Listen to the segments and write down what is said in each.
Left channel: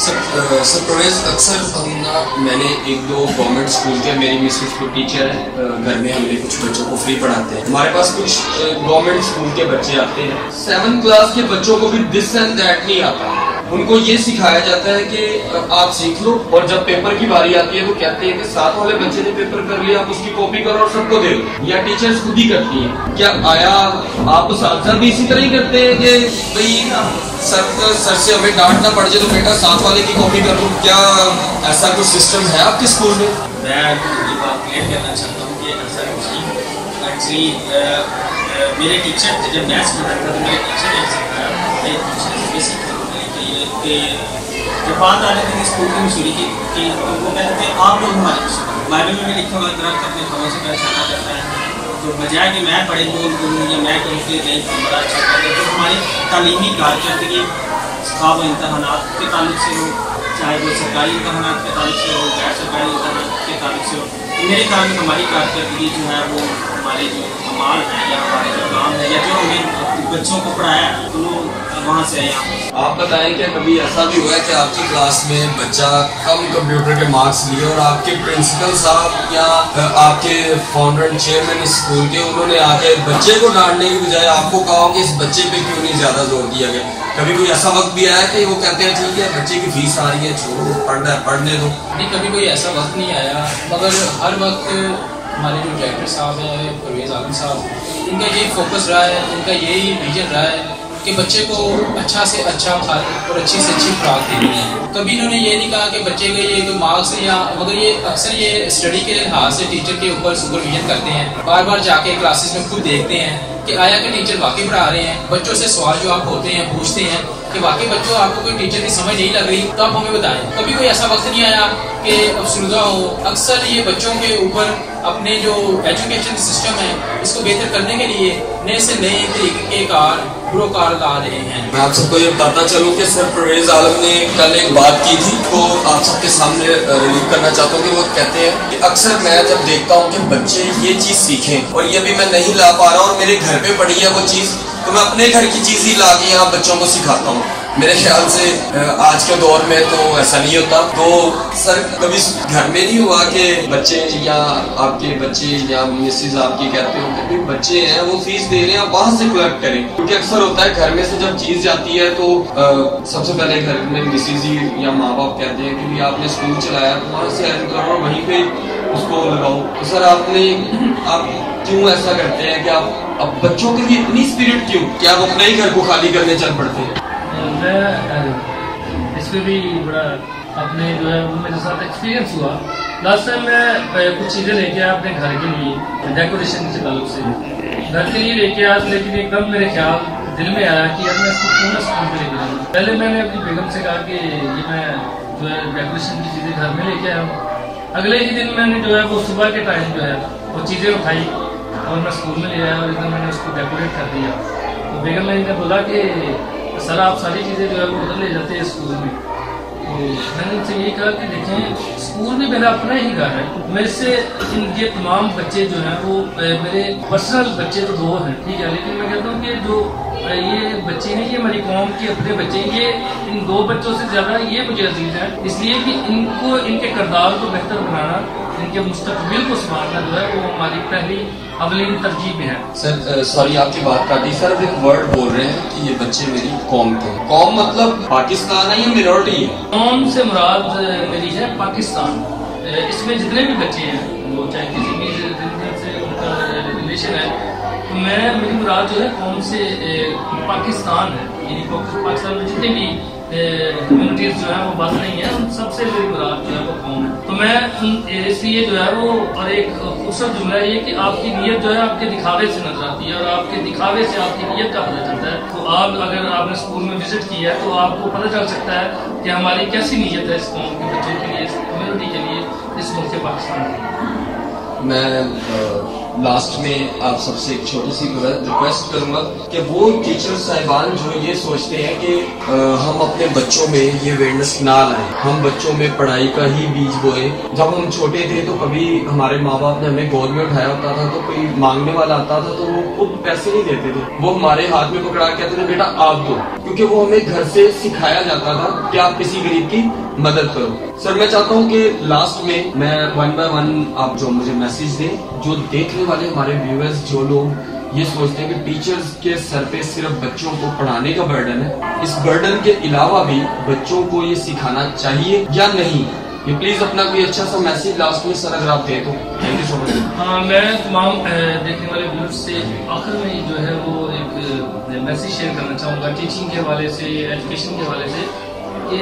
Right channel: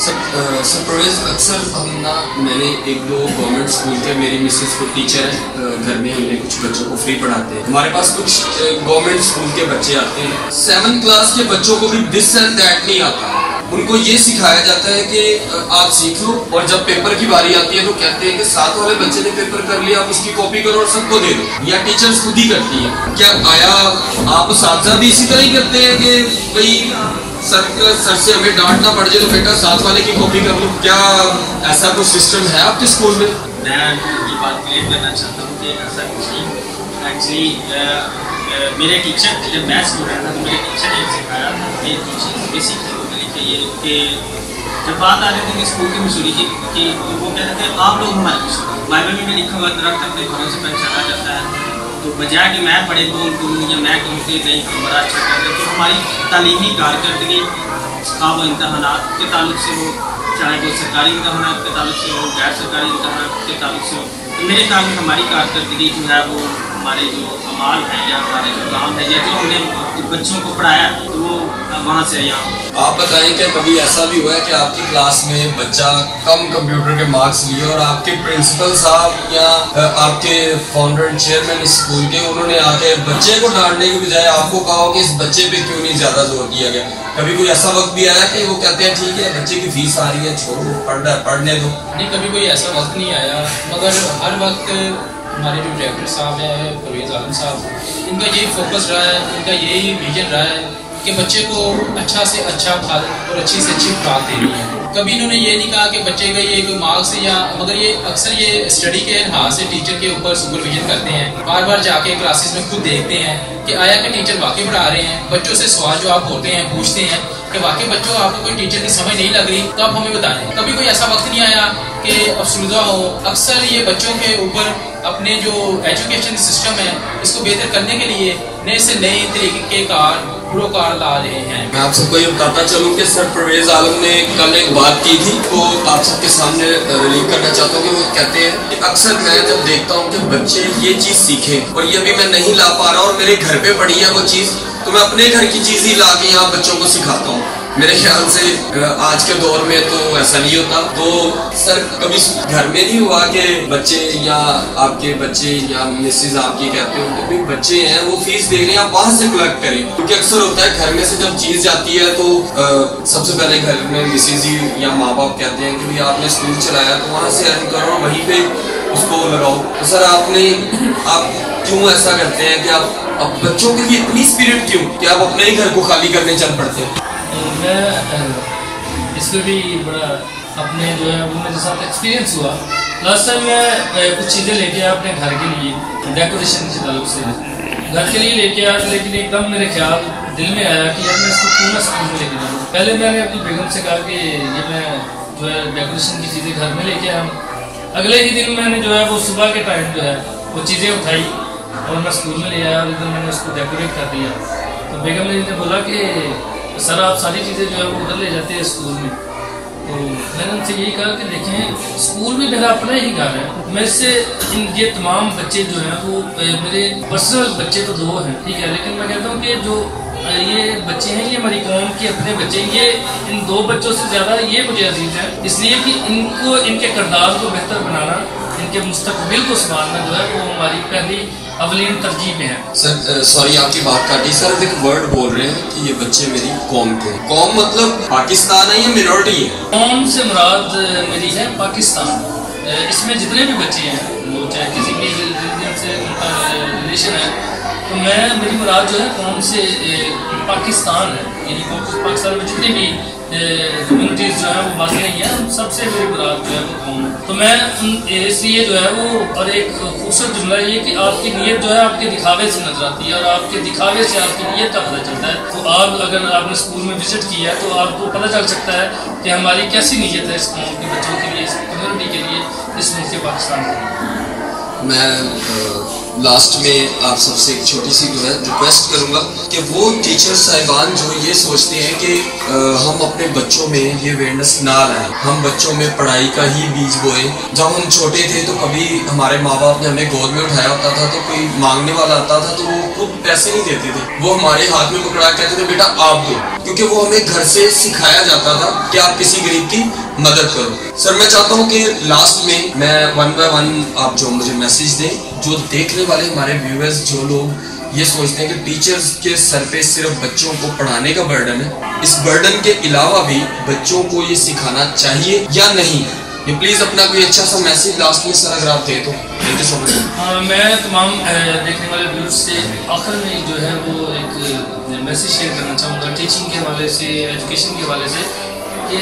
سر پرویز اکثر میں نے ایک دو گورنمنٹ اسکول کے میری مسز کو ٹیچر ہے گھر میں ہم نے کچھ بچوں کو فری پڑھاتے ہیں. ہمارے پاس کچھ گورنمنٹ اسکول کے بچے آتے ہیں 7 کلاس کے بچوں کو بھی دس اینڈ دیٹ نہیں آتا. ان کو یہ سکھایا جاتا ہے کہ آپ سیکھ لو اور جب پیپر کی باری آتی ہے تو کہتے ہیں کہ ساتھ والے بچے نے پیپر کر لیا آپ اس کی کاپی کرو اور سب کو دے دو, یا ٹیچرز خود ہی کرتی ہیں. کیا آیا آپ اساتذہ بھی اسی طرح ہی کرتے ہیں کہ بھائی سر سے ہمیں ڈانٹ نہ پڑ جائے تو بیٹا ساتھ والے کی کاپی کر لو؟ کیا ایسا کوئی سسٹم ہے آپ کے اسکول میں؟ میں یہ بات کلیئر کرنا چاہتا ہوں کہ ایسا کچھ نہیں. ایکچولی میرے ٹیچر جب میں اسٹوڈنٹ تھا تو میرے ٹیچر نے سکھایا یہ ٹیچر بھی سیکھنے کو ملی کہ یہ کہ جب بات آ رہی تھی کہ اسکول کی مصوری کی کہ وہ کہتے ہیں آپ لوگ ہماری مصوری. بائبل میں بھی لکھا ہوا درخت اپنے پھلوں سے پہچانا جاتا ہے. تو بجائے کہ میں پڑھے لون کروں یا میں کہوں کہ نہیں ہم بڑا اچھا کر رہے ہیں, تو ہماری تعلیمی کارکردگی خواہ وہ امتحانات کے تعلق سے ہو, چاہے وہ سرکاری امتحانات کے تعلق سے ہو, غیر سرکاری امتحانات کے تعلق سے ہو, تو میرے خیال میں ہماری کارکردگی جو ہے وہ ہمارے جو اعمال ہیں یا ہمارے جو کام ہے یا جو ہم نے بچوں کو پڑھایا ہے تو وہ وہاں سے یا آپ بتائیں کہ کبھی ایسا بھی ہوا ہے کہ آپ کی کلاس میں بچہ کم کمپیوٹر کے مارکس لیے اور آپ کے پرنسپل صاحب یا آپ کے فاؤنڈر چیئرمین اسکول کے انہوں نے آ کے بچے کو ڈانٹنے کی بجائے آپ کو کہا کہ اس بچے پہ کیوں نہیں زیادہ زور دیا گیا؟ کبھی کوئی ایسا وقت بھی آیا کہ وہ کہتے ہیں ٹھیک ہے بچے کی فیس آ رہی ہے چھوڑو پڑھنے دو؟ نہیں, کبھی کوئی ایسا وقت نہیں آیا, مگر ہر وقت ہمارے جو ڈائریکٹر صاحب ہیں پرویز عالم صاحب, ان کا یہی فوکس رہا ہے, ان کا یہی ویژن رہا ہے کہ بچے کو اچھا سے اچھا پھل اور اچھی سے اچھی خوراک دینی ہے. کبھی انہوں نے یہ نہیں کہا کہ بچے کا یہ کوئی مارکس یا مگر یہ اکثر یہ اسٹڈی کے لحاظ سے ٹیچر کے اوپر سپرویژن کرتے ہیں, بار بار جا کے کلاسز میں خود دیکھتے ہیں کہ آیا کہ ٹیچر واقعی پڑھا رہے ہیں. بچوں سے سوال جواب ہوتے ہیں, پوچھتے ہیں کہ واقعی بچوں آپ کو کوئی ٹیچر کی سمجھ نہیں لگ رہی تو آپ ہمیں بتائیں. کبھی کوئی ایسا وقت نہیں آیا کہ افسردہ ہو. اکثر یہ بچوں کے اوپر اپنے جو ایجوکیشن سسٹم ہے اس کو بہتر کرنے کے لیے نئے سے نئے طریقے کے کار لا رہے ہیں. میں آپ سب کو یہ بتاتا چلوں کہ سر پرویز عالم نے کل ایک بات کی تھی تو آپ سب کے سامنے ریلیو کرنا چاہتا ہوں کہ وہ کہتے ہیں کہ اکثر میں جب دیکھتا ہوں کہ بچے یہ چیز سیکھیں اور یہ بھی میں نہیں لا پا رہا ہوں اور میرے گھر پہ پڑی ہے وہ چیز, تو میں اپنے گھر کی چیز ہی لا کے یہاں بچوں کو سکھاتا ہوں. میرے خیال سے آج کے دور میں تو ایسا نہیں ہوتا. تو سر کبھی گھر میں نہیں ہوا کہ بچے یا آپ کے بچے یا مسز آپ کی کہتے ہو کہ بچے ہیں وہ فیس دے رہے ہیں آپ وہاں سے کلیکٹ کریں؟ کیونکہ اکثر ہوتا ہے گھر میں سے جب چیز جاتی ہے تو سب سے پہلے گھر میں مسز ہی یا ماں باپ کہتے ہیں کہ آپ نے اسکول چلایا تو وہاں سے ارن کرو اور وہیں پہ اس کو لگاؤ. تو سر آپ کیوں ایسا کرتے ہیں کہ آپ اب بچوں کے لیے اتنی اسپرٹ کیوں کہ آپ اپنے ہی گھر کو خالی کرنے چل پڑتے ہیں؟ میں اس پہ بھی بڑا اپنے جو ہے وہ میرے ساتھ ایکسپیرینس ہوا. لاسٹ ٹائم میں کچھ چیزیں لے کے آیا اپنے گھر کے لیے ڈیکوریشن کے تعلق سے گھر کے لیے لے کے آیا, لیکن ایک دم میرے خیال دل میں آیا کہ یار میں اس کو پورا اسکول میں لے کے جاؤں. پہلے میں نے اپنی بیگم سے کہا کہ یہ میں جو ہے ڈیکوریشن کی چیزیں گھر میں لے کے آیا ہوں. اگلے ہی دن میں نے جو ہے وہ صبح کے ٹائم جو ہے وہ چیزیں اٹھائی اور میں اسکول میں لے آیا اور ادھر میں نے اس کو ڈیکوریٹ کر دیا. تو بیگم نے بولا کہ سر آپ ساری چیزیں جو ہے وہ ادھر لے جاتے ہیں اسکول میں. تو میں نے ان سے یہی کہا کہ دیکھیں اسکول بھی میرا اپنا ہی گھر ہے. میرے سے یہ تمام بچے جو ہیں وہ میرے پرسنل بچے تو 2 ہیں, ٹھیک ہے, لیکن میں کہتا ہوں کہ جو یہ بچے ہیں یہ ہماری قوم کے اپنے بچے ہیں. یہ ان 2 بچوں سے زیادہ یہ مجھے عزیز ہے, اس لیے کہ ان کو ان کے کردار کو بہتر بنانا, ان کے مستقبل کو سنبھالنا جو ہے وہ ہماری پہلی اولین ترجیح میں ہے. سر سوری آپ کی بات کاٹی. سر اب ایک ورڈ بول رہے ہیں کہ یہ بچے میری قوم کے. قوم مطلب پاکستان ہے یا مینورٹی ہے؟ قوم سے مراد میری ہے پاکستان. اس میں جتنے بھی بچے ہیں وہ چاہے کسی بھی ریلیجن سے ان کا ریلیشن ہے, تو میری مراد جو ہے قوم سے پاکستان ہے. یعنی پاکستان میں جتنی بھی کمیونٹیز جو ہیں وہ باقی نہیں ہیں, سب سے میری مراد جو ہے وہ قوم ہے. تو میں اس لیے جو ہے وہ اور ایک خوبصورت جملہ ہے یہ کہ آپ کی نیت جو ہے آپ کے دکھاوے سے نظر آتی ہے اور آپ کے دکھاوے سے آپ کی نیت کا پتہ چلتا ہے. تو آپ اگر آپ نے اسکول میں وزٹ کیا ہے تو آپ کو پتہ چل سکتا ہے کہ ہماری کیسی نیت ہے اس قوم کے بچوں کے لیے, اس کمیونٹی کے لیے, اس ملک پاکستان کے لیے. میں लास्ट में आप सबसे एक छोटी सी रिक्वेस्ट करूंगा कि वो टीचर साहिबान जो ये सोचते हैं कि हम अपने बच्चों में ये अवेयरनेस ना लाएं, हम बच्चों में पढ़ाई का ही बीज बोए। जब हम छोटे थे तो कभी हमारे माँ बाप ने हमें गोद में उठाया होता था तो कोई मांगने वाला आता था तो वो खुद पैसे नहीं देते थे, वो हमारे हाथ में पकड़ा कहते थे बेटा आप दो, क्योंकि वो हमें घर से सिखाया जाता था कि आप किसी गरीब की मदद करो। सर मैं चाहता हूँ कि लास्ट में मैं 1 by 1 आप जो मुझे मैसेज दें, जो देखने वाले हमारे व्यूअर्स, जो लोग ये सोचते हैं कि टीचर्स के सर पे सिर्फ बच्चों को पढ़ाने का बर्डन है, इस बर्डन के अलावा भी बच्चों को ये सिखाना चाहिए या नहीं, ये प्लीज अपना कोई अच्छा सा मैसेज लास्ट में सर अगर आप दें तो। Thank you so much. हाँ, मैं तमाम देखने वाले व्यूअर्स से आखिर में जो है वो एक मैसेज शेयर करना चाहूँगा टीचिंग के हवाले से, एजुकेशन के हवाले से, कि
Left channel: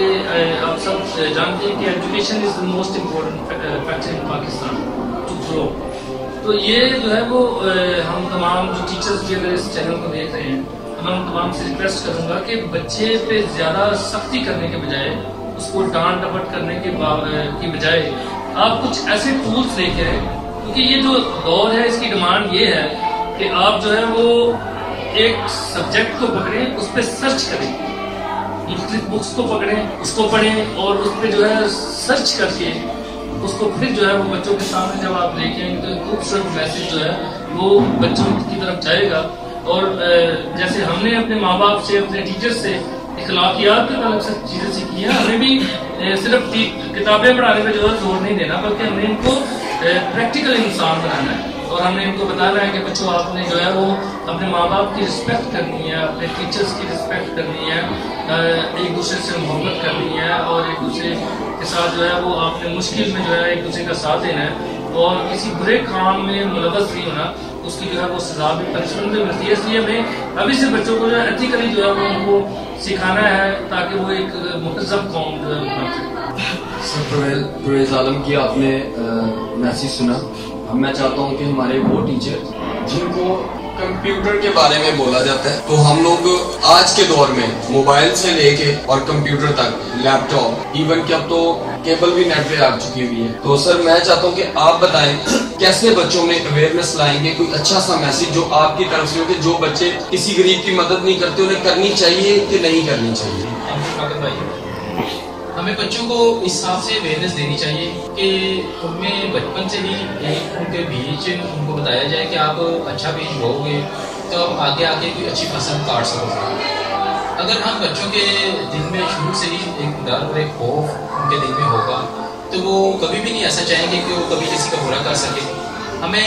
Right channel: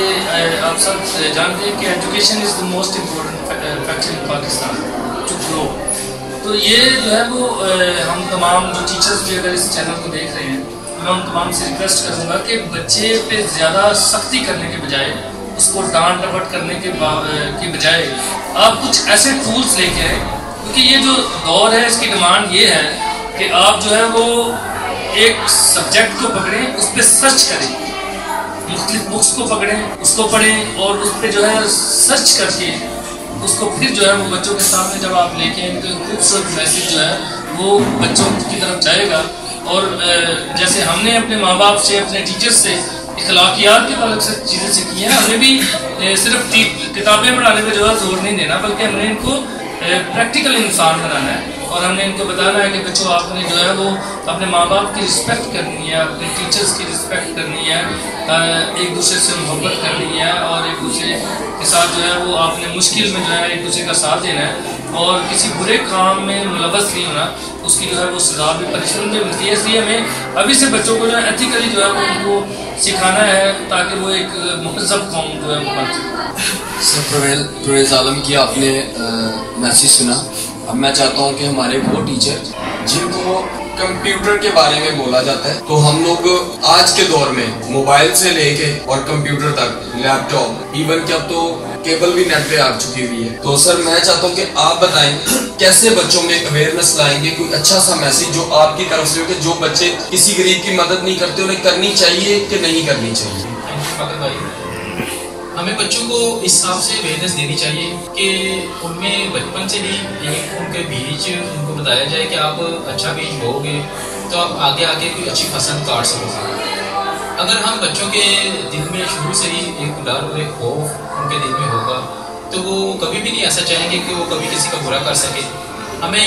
आप सब जानते हैं कि education is the most important factor in Pakistan to grow. तो ये जो है वो हम तमाम जो टीचर्स भी अगर इस चैनल को देख रहे हैं, मैं उन तमाम से रिक्वेस्ट करूँगा कि बच्चे पे ज़्यादा सख्ती करने के बजाय, उसको डांट डपट करने के बजाय आप कुछ ऐसे टूल्स लेके आए, क्योंकि ये जो दौर है इसकी डिमांड ये है कि आप जो है वो एक सब्जेक्ट को पकड़ें, उस पर सर्च करें, मुख्तलिफ बुक्स को पकड़ें, उसको पढ़ें और उस पर जो है सर्च करके उसको फिर जो है वो बच्चों के सामने जब आप लेके आएंगे तो खूबसूरत मैसेज जो है वो बच्चों की तरफ जाएगा। और जैसे हमने अपने माँ बाप से, अपने टीचर्स से इखलाकियात के ताल्लुक से चीज़ें सीखी हैं, हमें भी सिर्फ किताबें पढ़ाने पर जो है जोर नहीं देना, बल्कि हमने इनको प्रैक्टिकल इंसान बनाना है और हमने इनको बताना है कि बच्चों आपने जो है वो अपने माँ बाप की रिस्पेक्ट करनी है, अपने टीचर्स की रिस्पेक्ट करनी है, एक दूसरे से मोहब्बत करनी है और एक दूसरे के साथ जो है वो आपने मुश्किल में जो है एक दूसरे का साथ देना है और किसी बुरे काम में मुलव्वस नहीं होना, उसकी जो है वो सजा भी, पनिशमेंट भी मिलती है। इसलिए हमें अभी से बच्चों को जो है एथिकली जो है वो उनको सिखाना है ताकि वो एक मुहज़्ज़ब कौम जो है वो बन सके। सर परवेज़ आलम की आपने मैसेज सुना। अब मैं चाहता हूँ कि हमारे वो टीचर जिनको कंप्यूटर के बारे में बोला जाता है, तो हम लोग आज के दौर में मोबाइल से लेके और कंप्यूटर तक, लैपटॉप, इवन कि अब तो केबल भी नेट पे आ चुकी हुई है। तो सर मैं चाहता हूँ कि आप बताएं कैसे बच्चों में अवेयरनेस लाएंगे, कोई अच्छा सा मैसेज जो आपकी तरफ से हो कि जो बच्चे किसी गरीब की मदद नहीं करते उन्हें करनी चाहिए कि नहीं करनी चाहिए। हमें बच्चों को इस हिसाब से अवेयरनेस देनी चाहिए कि उनमें बचपन से ही एक उनके बीज उनको बताया जाए कि आप अच्छा बीज बोओगे तो आप आगे आके कोई अच्छी फसल काट सकोगे। अगर हम बच्चों के दिल में शुरू से ही एक डर और एक खौफ उनके दिल में होगा तो वो कभी भी नहीं ऐसा चाहेंगे कि वो कभी किसी का बुरा कर सके। हमें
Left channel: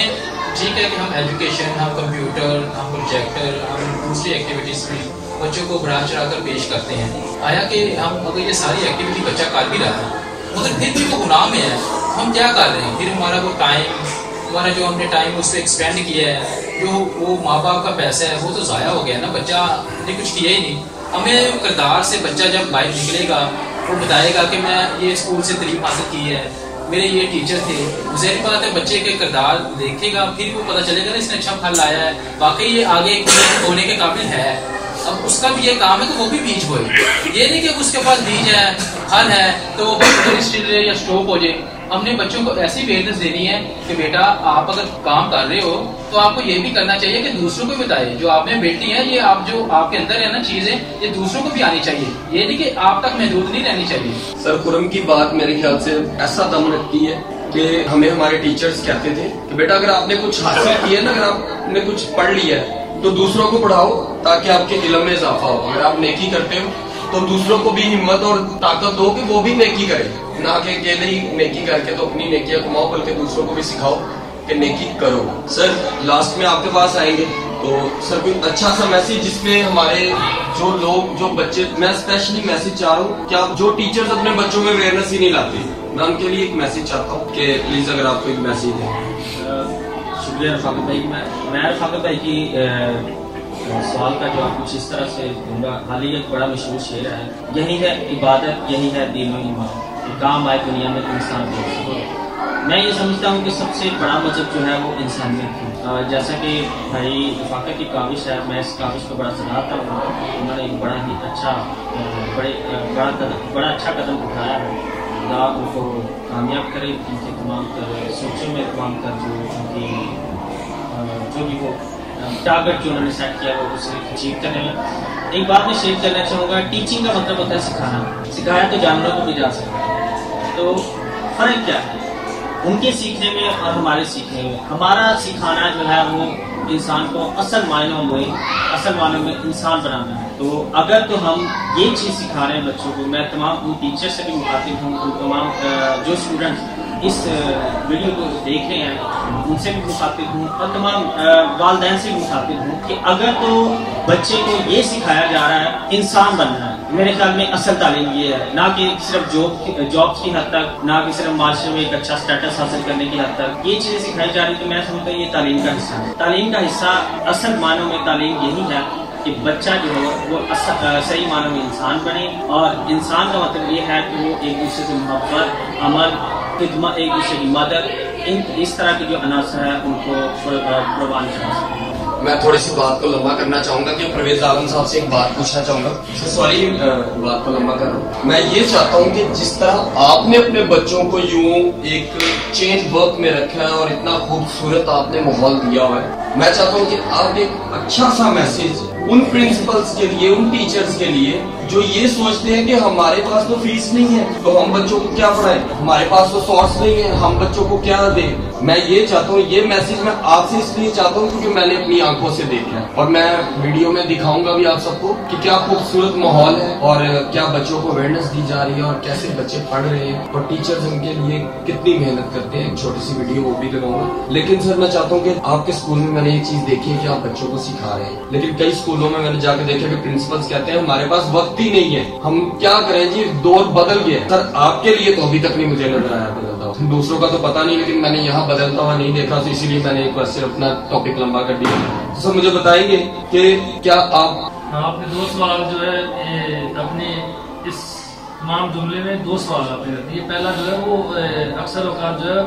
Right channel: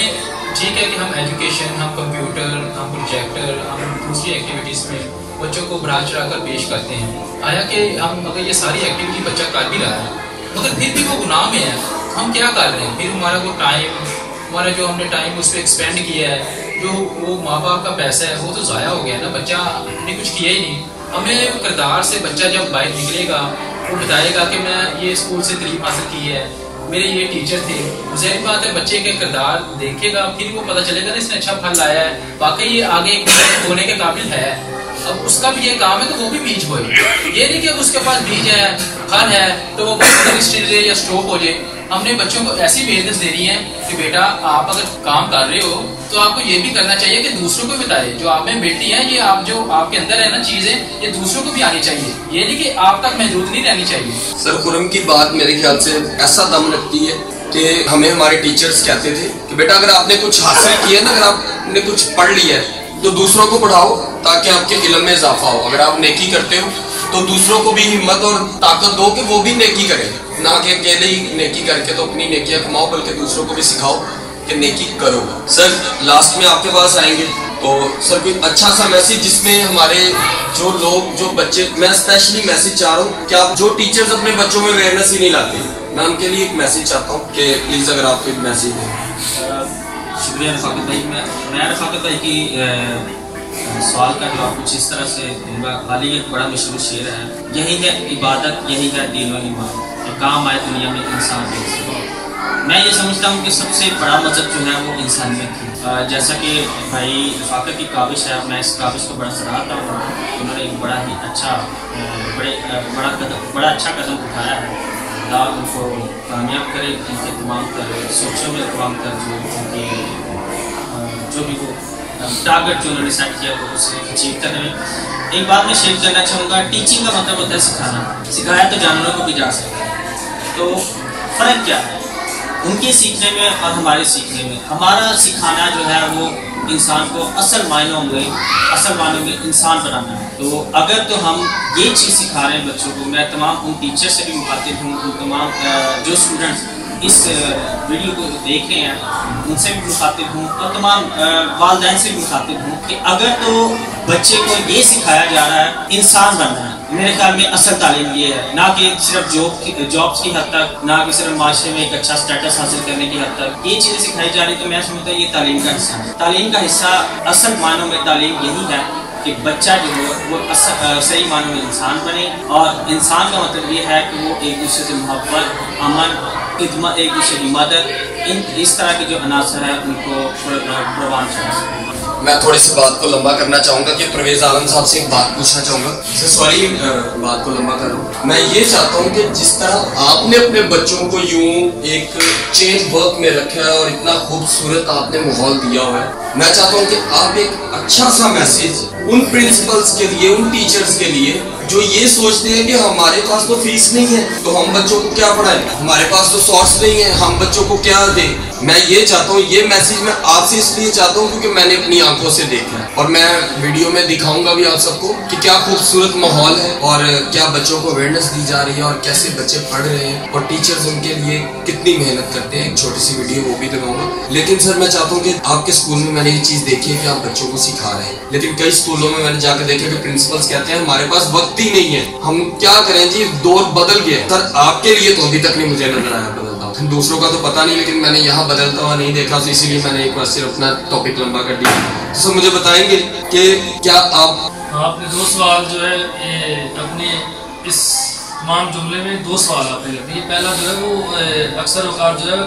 ठीक है कि हम एजुकेशन, हम कंप्यूटर, हम प्रोजेक्टर, हम दूसरी एक्टिविटीज़ में बच्चों को बढ़ा चढ़ा कर पेश करते हैं। आया कि हम अगर ये सारी एक्टिविटी बच्चा कर भी रहा है मगर फिर भी वो गुनाह में है, हम क्या कर रहे हैं? फिर हमारा वो टाइम, हमारा जो हमने टाइम उस पर एक्सपेंड किया है, जो वो माँ बाप का पैसा है वो तो ज़ाया हो गया ना, बच्चा ने कुछ किया ही नहीं। हमें किरदार से बच्चा जब बाहर निकलेगा वो बताएगा कि मैं ये स्कूल से तालीम हासिल की है, मेरे ये टीचर थे। ज़ाहिर बात है बच्चे के किरदार देखेगा फिर वो पता चलेगा ना इसने अच्छा फल लाया है, वाकई ये आगे होने के काबिल है। अब उसका भी ये काम है कि वो भी बीज बोए, ये नहीं कि उसके पास बीज है, फल है तो वो बस या स्ट्रोक हो जाए। हमने बच्चों को ऐसी अवेयरनेस देनी है कि बेटा आप अगर काम कर रहे हो तो आपको ये भी करना चाहिए कि दूसरों को भी बताए जो आप में बेटी है, ये आप जो आपके अंदर है ना चीजें, ये दूसरों को भी आनी चाहिए, ये नहीं कि आप तक महदूद नहीं रहनी चाहिए। सर खुरम की बात मेरे ख्याल से ऐसा दम रखती है कि हमें हमारे टीचर्स कहते थे कि बेटा अगर आपने कुछ हासिल किया ना, अगर आपने कुछ पढ़ लिया है तो दूसरों को पढ़ाओ ताकि आपके इल्म में इजाफा हो। अगर आप नेकी करते हो तो दूसरों को भी हिम्मत और ताकत दो कि वो भी नेकी करें, ना कि अकेले ही नेकी करके तो अपनी नेकियां कमाओ, बल्कि दूसरों को भी सिखाओ कि नेकी करो। सर लास्ट में आपके पास आएंगे तो सर कोई अच्छा सा मैसेज जिसमें हमारे जो लोग, जो बच्चे, मैं स्पेशली मैसेज चाह रहा हूँ कि आप जो टीचर्स अपने बच्चों में अवेयरनेस ही नहीं लाते, मैं उनके लिए एक मैसेज चाहता हूँ कि प्लीज अगर आपको एक मैसेज दें। शुक्रिया रफाकत भाई। मैं रफाकत भाई की सवाल का जवाब कुछ इस तरह से दूंगा। खाली एक बड़ा मशहूर शेर है, यही है इबादत, यही है दीन और ईमान, कि काम आए दुनिया में इंसान से। मैं ये समझता हूँ कि सबसे बड़ा मजहब जो है वो इंसानियत है। जैसा कि भाई रफाकत की काविश है, मैं इस काविश को बड़ा सराहता हूँ। उन्होंने एक बड़ा ही अच्छा बड़ा अच्छा कदम उठाया है। अल्लाह उनको कामयाब करे, उनके तमाम तर सोचों में तमाम तर जो उनकी जो भी वो टारगेट जो उन्होंने सेट किया वो उसे अचीव करने में। एक बात मैं शेयर करना चाहूँगा, टीचिंग का मतलब होता है सिखाना। सिखाया तो जानवरों को भी जा सकता है, तो फ़र्क क्या है उनके सीखने में और हमारे सीखने में? हमारा सिखाना जो है वो इंसान को असल मायनों में इंसान बनाना है। तो अगर तो हम ये चीज़ सिखा रहे हैं बच्चों को, मैं तमाम उन टीचर से भी मुखातिब हूँ, उन तमाम जो स्टूडेंट्स इस वीडियो को देख रहे हैं उनसे भी मुखातिब हूँ, और तमाम वालिदैन से भी मुखातिब हूँ कि अगर तो बच्चे को ये सिखाया जा रहा है इंसान बनना है, मेरे ख्याल में असल तालीम ये है, ना कि सिर्फ जॉब्स की हद तक, ना कि सिर्फ माशरे में एक अच्छा स्टेटस हासिल करने की हद तक ये चीज़ें सिखाई जा रही। तो मैं समझता हूँ ये तालीम का हिस्सा है। तालीम का हिस्सा असल मानों में तालीम यही है कि बच्चा जो है वो सही मानों में इंसान बने, और इंसान का मतलब ये है कि वो एक दूसरे से मोहब्बत, अमन, खिदमत, एक दूसरे की मदद, इस तरह के जो अनासर हैं उनको प्रवान कर। मैं थोड़ी सी बात को लंबा करना चाहूँगा कि परवेज आलम साहब से एक बात पूछना चाहूँगा। सॉरी बात को लंबा कर रहा हूँ। मैं ये चाहता हूँ कि जिस तरह आपने अपने बच्चों को यूं एक चेन वर्क में रखा है और इतना खूबसूरत आपने माहौल दिया हुआ है, मैं चाहता हूँ कि आप एक अच्छा सा मैसेज उन प्रिंसिपल्स के लिए, उन टीचर्स के लिए जो ये सोचते हैं कि हमारे पास तो फीस नहीं है तो हम बच्चों को क्या पढ़ाएं, हमारे पास तो सोर्स नहीं है, हम बच्चों को क्या दें। मैं ये चाहता हूँ, ये मैसेज मैं आपसे इसलिए चाहता हूँ क्योंकि मैंने अपनी आंखों से देखा है, और मैं वीडियो में दिखाऊंगा भी आप सबको कि क्या खूबसूरत माहौल है और क्या बच्चों को अवेयरनेस दी जा रही है और कैसे बच्चे पढ़ रहे हैं और टीचर्स उनके लिए कितनी मेहनत करते हैं। एक छोटी सी वीडियो वो भी दिखाऊंगा। लेकिन सर मैं चाहता हूँ कि आपके स्कूल में मैंने ये चीज देखी है कि आप बच्चों को सिखा रहे हैं, लेकिन कई स्कूलों में मैंने जाकर देखा कि प्रिंसिपल्स कहते हैं हमारे पास वक्त ही नहीं है, हम क्या करें जी, दौर बदल गया। सर आपके लिए तो अभी तक नहीं मुझे नजर आया बदलता हुआ, दूसरों का तो पता नहीं, लेकिन मैंने यहाँ बदलता हुआ नहीं देखा, तो इसीलिए मैंने एक बार सिर्फ अपना टॉपिक लंबा कर दिया। तो सर मुझे बताएंगे कि क्या आपने दो सवाल जो है अपने इस तमाम जुमले में दो सवाल आपने कर दिए। पहला जो है वो अक्सर औकात जो है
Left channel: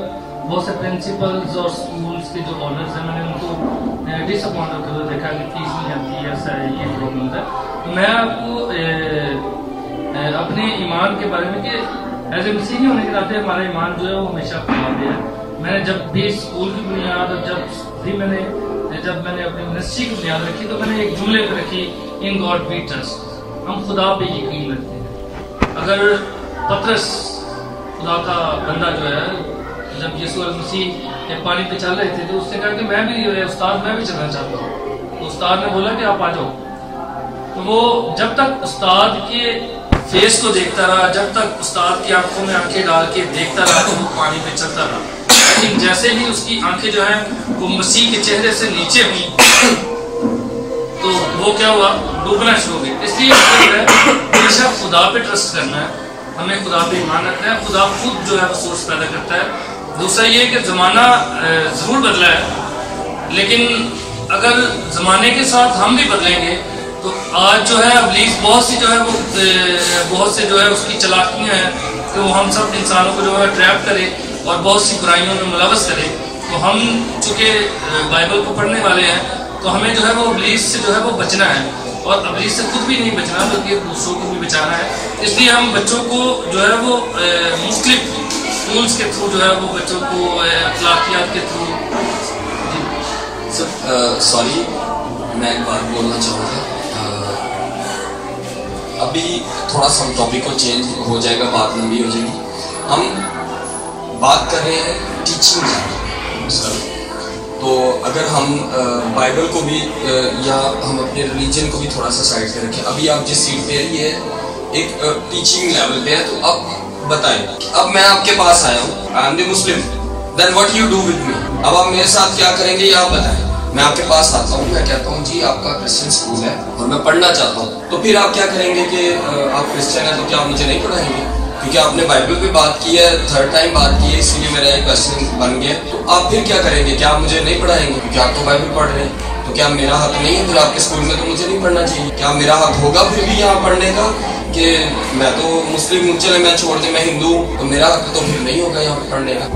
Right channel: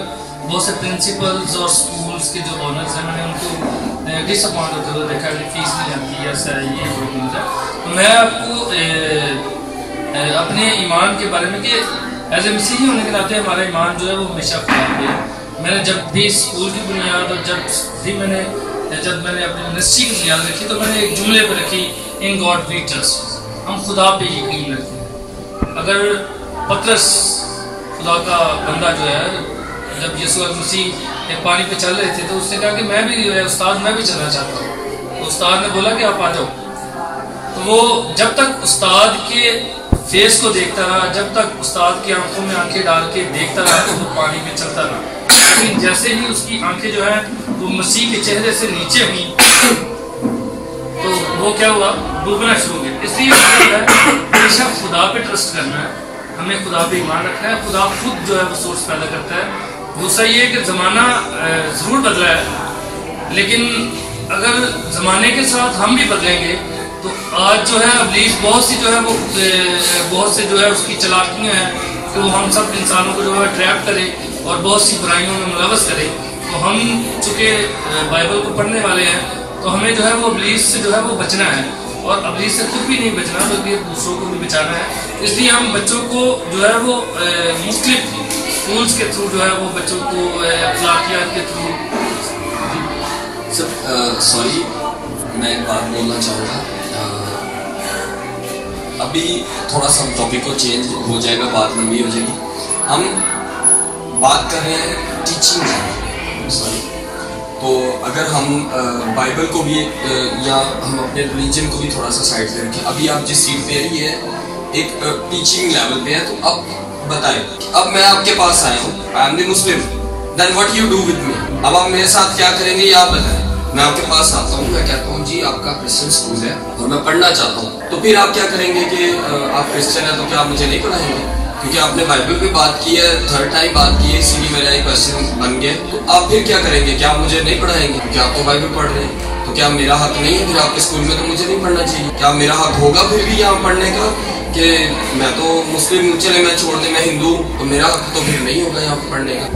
बहुत से प्रिंसिपल्स और स्कूल्स के जो ऑनर्स हैं, मैंने उनको डिसअपॉइंट होते हुए देखा कि फीस नहीं आती है, ऐसा है, ये प्रॉब्लम है। तो मैं आपको अपने ईमान के बारे में कि एज ए मसीही होने के नाते हमारा ईमान जो है वो हमेशा खराब है। मैंने जब भी स्कूल की बुनियाद और जब मैंने अपनी मिनिस्ट्री की बुनियाद रखी तो मैंने एक जुमले पर रखी, इन गॉड वी ट्रस्ट, हम खुदा पे यकीन रखते हैं। अगर पतरस खुदा का बंदा जो है, जब यीशु मसीह पानी पे चल रहे थे तो उसने कहा कि मैं भी उस्ताद, मैं भी चलना चाहता हूँ। तो उस्ताद ने बोला कि आप आ जाओ। तो वो जब तक उस्ताद के फेस को देखता रहा, जब तक उस्ताद की आंखों में आंखें डाल के देखता रहा तो वो पानी पे चलता रहा। लेकिन जैसे ही उसकी आंखें जो है वो मसीह के चेहरे से नीचे हुई तो वो क्या हुआ, डूबना शुरू हो गया। इसलिए हमेशा खुदा पे ट्रस्ट करना है, हमें खुदा पे ईमान रखना है। खुदा खुद जो है वो सोर्स पैदा करता है। दूसरा ये कि ज़माना ज़रूर बदला है, लेकिन अगर ज़माने के साथ हम भी बदलेंगे तो आज जो है इब्लीस बहुत सी जो है वो बहुत से जो है उसकी चालाकियाँ हैं कि वो हम सब इंसानों को जो है ट्रैप करे और बहुत सी बुराइयों में मुलवस करे। तो हम चूँकि बाइबल को पढ़ने वाले हैं तो हमें जो है वो इब्लीस से जो है वो बचना है, और इब्लीस से खुद भी नहीं बचना बल्कि दूसरों को भी बचाना है। इसलिए हम बच्चों को जो है वो मुख्तलिफ स्कूल्स के थ्रू जो है वो बच्चों को अखलाकियात के थ्रू। सॉरी मैं एक बात बोलना चाहूँगा, अभी थोड़ा सा टॉपिक को चेंज हो जाएगा, बात लंबी हो जाएगी। हम बात कर रहे हैं टीचिंग सॉरी, तो अगर हम बाइबल को भी या हम अपने रिलीजन को भी थोड़ा सा साइड पे रखें। अभी आप जिस सीट पे है एक टीचिंग लेवल पे है, तो अब बताएं, अब मैं आपके पास आया हूँ, I am the Muslim, then what you do with me. अब आप मेरे साथ क्या करेंगे ये आप बताएं। मैं आपके पास आता हूँ, मैं कहता हूँ जी आपका क्रिश्चियन स्कूल है और मैं पढ़ना चाहता हूँ, तो फिर आप क्या करेंगे कि आप क्रिश्चियन हैं तो क्या आप मुझे नहीं पढ़ाएंगे? क्योंकि आपने बाइबल पे बात की है, थर्ड टाइम बात की है, इसीलिए मेरा एक क्वेश्चन बन गया। तो आप फिर क्या करेंगे? क्या आप मुझे नहीं पढ़ाएंगे? क्योंकि आप तो बाइबल पढ़ रहे हैं, तो क्या मेरा हक नहीं है फिर आपके स्कूल में? तो मुझे नहीं पढ़ना चाहिए। क्या मेरा हक होगा फिर भी यहाँ पढ़ने का कि मैं तो मुस्लिम हूँ, चले मैं छोड़ दे, मैं हिंदू, तो मेरा हक तो फिर नहीं होगा यहाँ पढ़ने का?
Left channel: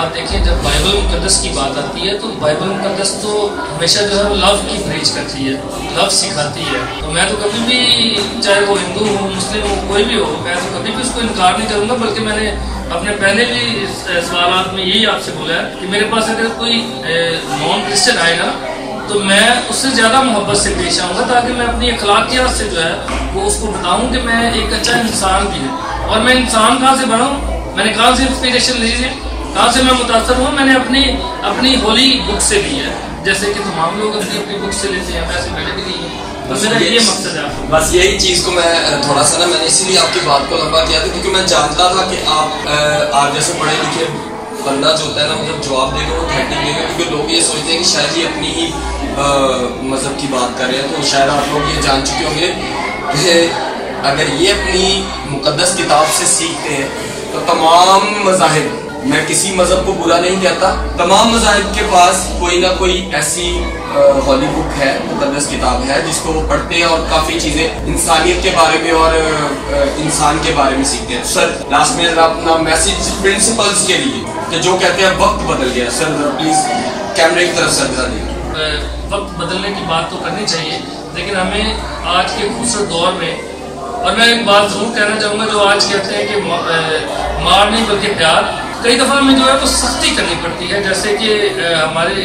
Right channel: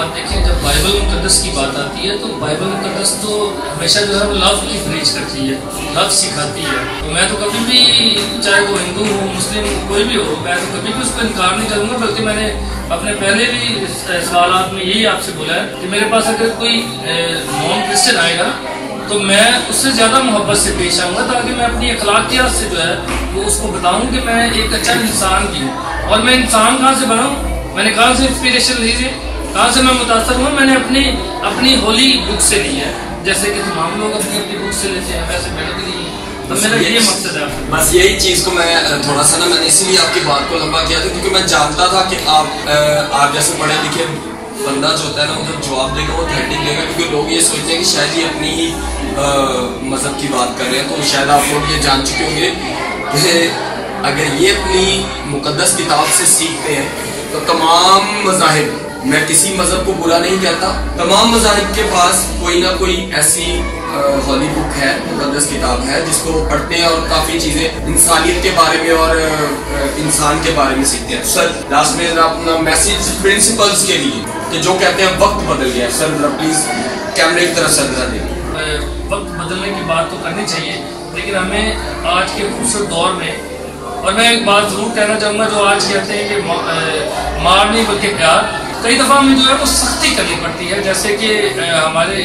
बात देखें, जब बाइबल मुकद्दस की बात आती है तो बाइबल मुकद्दस तो हमेशा जो है वो लव की प्रीच करती है, लव सिखाती है। तो मैं तो कभी भी, चाहे वो हिंदू हो, मुस्लिम हो, कोई भी हो, मैं तो कभी भी उसको इनकार नहीं करूँगा। बल्कि मैंने अपने पहले भी सवालात में यही आपसे बोला है कि मेरे पास अगर कोई नॉन क्रिश्चियन आएगा तो मैं उससे ज़्यादा मोहब्बत से पेश आऊँगा, ताकि मैं अपनी अखलाकियात से जो है वो उसको बताऊँ कि मैं एक अच्छा इंसान भी हूँ। और मैं इंसान कहाँ से बना हूँ, मैंने कहाँ से इंस्पिरेशन ली है, कहाँ से मैं मुतासर हुआ, मैंने अपनी होली बुक से ली है। जैसे कि तमाम लोग अपनी बुक से लेते हैं, वैसे मैंने भी ली है। तो मेरा ये मकसद है। बस यही चीज़ को मैं थोड़ा सा ना, मैंने इसीलिए आपकी बात को लंबा किया था, क्योंकि मैं जानता था कि आप जैसे पढ़े लिखे बंदा जो होता है ना, मतलब जवाब देगा वो थर्टी देगा, क्योंकि लोग ये सोचते हैं कि शायद ये अपनी ही मजहब की बात कर रहे हैं। तो शायद आप लोग ये जान चुके होंगे कि अगर ये अपनी मुकद्दस किताब से सीखते हैं तो तमाम मज़ाहिब, मैं किसी मजहब को बुरा नहीं कहता, तमाम मज़ाहिब के पास कोई ना कोई ऐसी होली बुक है, मुकद्दस किताब है, जिसको वो पढ़ते हैं और काफी चीजें इंसानियत के बारे में और इंसान के बारे में सीखते हैं। सर लास्ट में जरा अपना मैसेज प्रिंसिपल्स के लिए, कि जो कहते हैं वक्त बदल गया है, सर जरा प्लीज कैमरे की तरफ सर जरा देखिए। वक्त बदलने की बात तो करनी चाहिए, लेकिन हमें आज के खूबसूरत दौर में, और मैं एक बात जरूर कहना चाहूँगा, जो आज कहते हैं कि मार नहीं बल्कि प्यार, कई दफ़ा हमें जो है वो सख्ती करनी पड़ती है। जैसे कि हमारे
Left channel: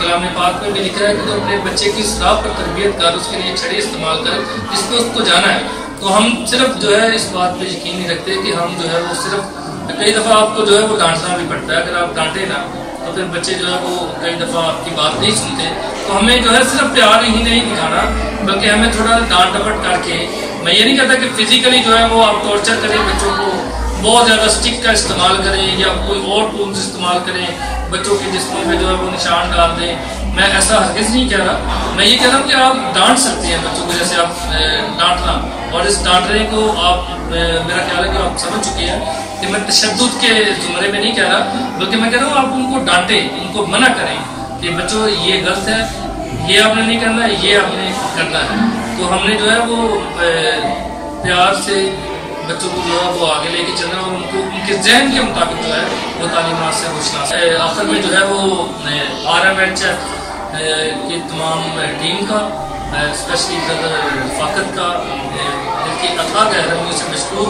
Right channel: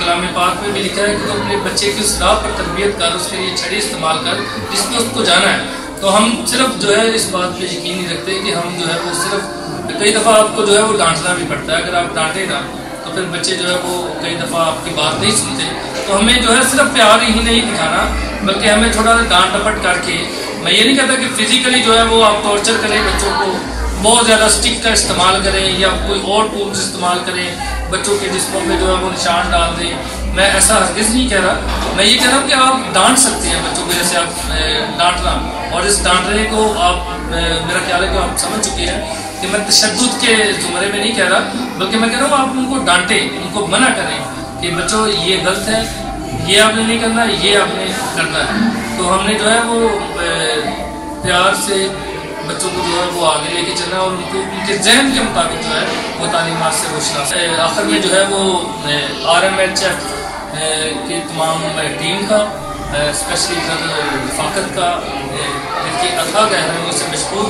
कलाम पाक में भी लिखा है कि तो अपने बच्चे की उस राह पर तरबियत कर, उसके लिए छड़ी इस्तेमाल कर जिसमें उसको जाना है। तो हम सिर्फ जो है इस बात पे यकीन नहीं रखते कि हम जो है वो सिर्फ, कई दफ़ा आपको जो है वो डांटना भी पड़ता है। अगर आप डांटे ना तो फिर बच्चे जो है वो कई दफ़ा आपकी बात नहीं सुनते। तो हमें जो है सिर्फ प्यार ही नहीं दिखाना, बल्कि हमें थोड़ा डांट डपट करके, मैं ये नहीं कहता कि फिजिकली जो है वो आप टॉर्चर करें बच्चों को, बहुत ज़्यादा स्टिक का इस्तेमाल करें या कोई और टूल्स इस्तेमाल करें, बच्चों के जिस्मों में जो है वो निशान डाल दें। मैं ऐसा हरगिज़ नहीं कह रहा। मैं ये कह रहा हूँ कि आप डांट सकते हैं बच्चों को, जैसे आप डांटना, और इस डांटने को आप, मेरा ख्याल है कि आप समझ चुके हैं कि मैं तशद्दुद के जुमरे में नहीं कह रहा, बल्कि मैं कह रहा हूँ आप उनको डांटें, उनको मना करें कि बच्चों ये गलत है, ये आपने नहीं करना है, ये आपने करना है। तो हमने जो है वो प्यार से बच्चों को जो है वो आगे लेके चलना और उनको उनके जहन के मुताबिक जो है वो तालीमात से खुशना। आखिर में जो है वो RMHF की तमाम टीम का, स्पेशली रफाकत का जिनके अथा गहराइयों से मशहूर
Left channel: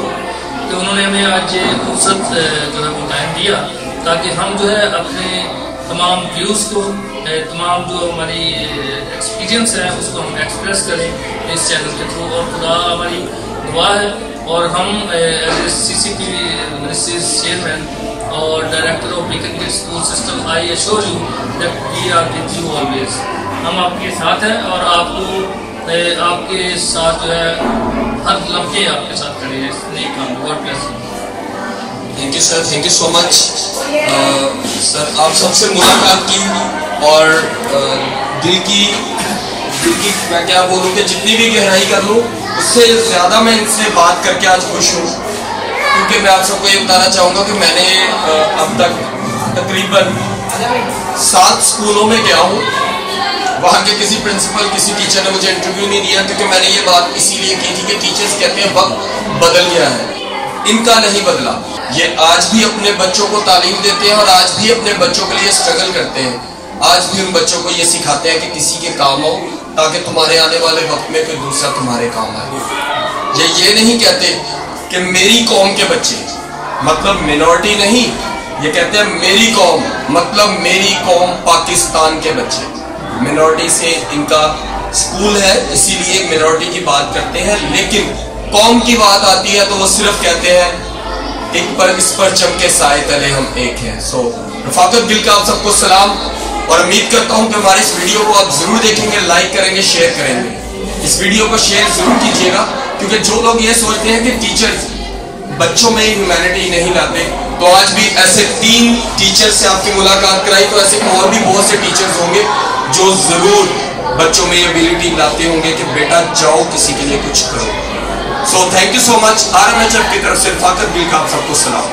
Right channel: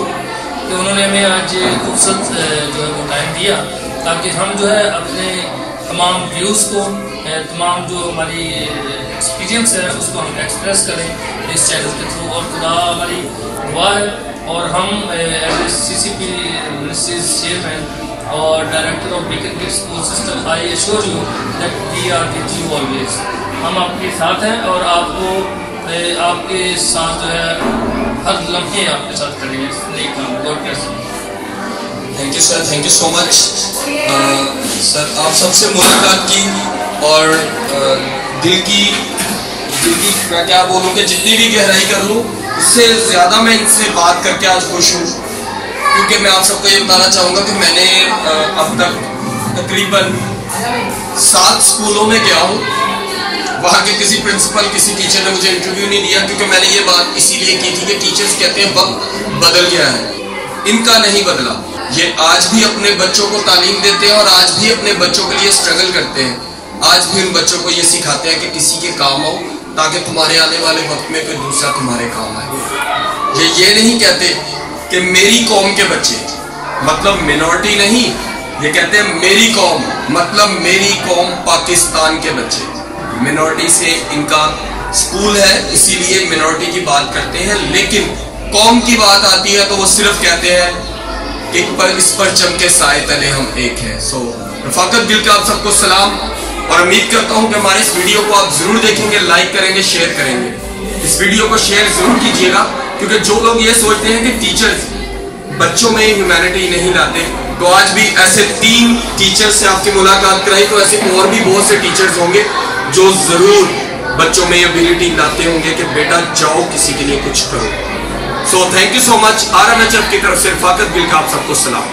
कि उन्होंने हमें आज फुर्सत जो है वो टाइम दिया, ताकि हम जो है अपने तमाम व्यूज़ को, तमाम जो हमारी एक्सपीरियंस है उसको हम एक्सप्रेस करें इस चैनल के थ्रू। और खुदा हमारी दुआ है, और हम CCP मिनिस्ट्रीज चेयरमैन और director of Beacon school system, I assure you that we are with you always. हम आपके साथ हैं और आपको आपके साथ जो है हर लम्हे आपके साथ करेंगे इस नई काम। God bless you. Thank you sir, thank you so much sir. आप सबसे मुलाकात की और दिल की मैं क्या बोलूँ कि जितनी भी गहराई कर लूँ उससे ज़्यादा मैं इनसे बात करके आज खुश हूँ, क्योंकि मैं आप सबको ये बताना चाहूँगा कि मैंने अब तक तकरीबन 7 स्कूलों में गया हूँ। वहाँ के किसी प्रिंसिपल, किसी टीचर ने मुझे इंटरव्यू नहीं दिया, क्योंकि मैंने ये बात इसीलिए की थी कि टीचर्स कहते हैं वक्त बदल गया है, इनका नहीं बदला। ये आज भी अपने बच्चों को तालीम देते हैं और आज भी अपने बच्चों के लिए स्ट्रगल करते हैं। आज भी उन बच्चों को ये सिखाते हैं कि किसी के काम आओ, ताकि तुम्हारे आने वाले वक्त में कोई दूसरा तुम्हारे काम आए। ये नहीं कहते कि मेरी कौम के बच्चे, मतलब मिनॉरिटी नहीं, ये कहते हैं मेरी कौम, मतलब मेरी कौम पाकिस्तान के बच्चे। मिनॉरिटी से इनका स्कूल है, इसीलिए मिनॉरिटी की बात करते हैं, लेकिन कौम की बात आती है तो वो सिर्फ कहते हैं एक पर इस पर चमके साए तले हम एक हैं। सो रफाकत दिल का आप सबको सलाम, और उम्मीद करता हूं कि हमारे इस वीडियो को आप जरूर देखेंगे, लाइक करेंगे, शेयर करेंगे। इस वीडियो को शेयर जरूर कीजिएगा, क्योंकि जो लोग ये सोचते हैं कि टीचर्स बच्चों में ह्यूमैनिटी नहीं लाते, तो आज भी ऐसे 3 टीचर से आपकी मुलाकात कराई, तो ऐसे और भी बहुत से टीचर्स होंगे जो जरूर बच्चों में एबिलिटी लाते होंगे कि बेटा जाओ किसी के लिए कुछ करो। So thank you so much. RMHF की तरफ से रफाकत दिल का आप सबको सलाम।